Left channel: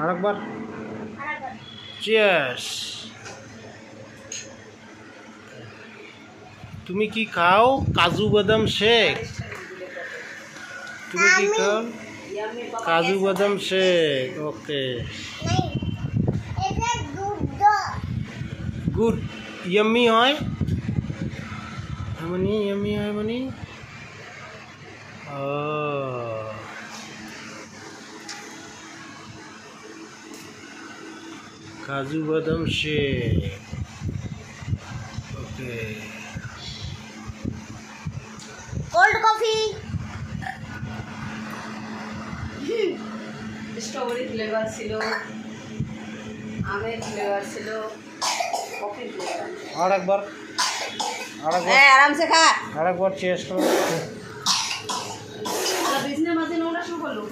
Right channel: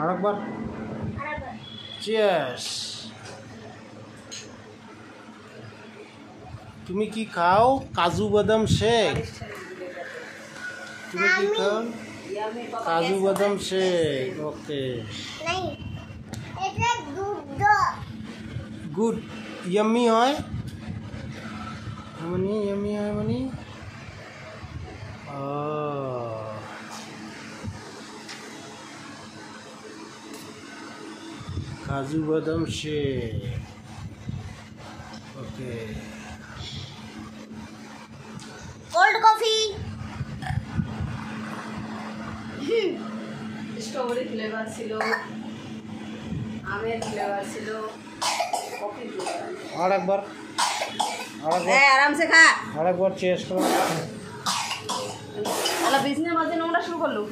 আরেকবার চিয়ার্স। তুমি কি খাও? কাজু বাদাম শেক। তুমি কি খাও? কাজু বাদাম শেক। ওকে, গুড। ইয়াম্মি হয় মানে, ইয়াম্মি হয় মানে কাজু বাদাম শেক। ওকে, কোল্ড কফি। স্ট্রবেরি ফ্লেভার ছিল, আমের ফ্লেভার ছিল, কফি ফ্লেভার। আরেকবার আরাম সে খা। আরেকবার চিয়ার্স করো। বিজনেস মাঝে নোংরা শুরু করলো।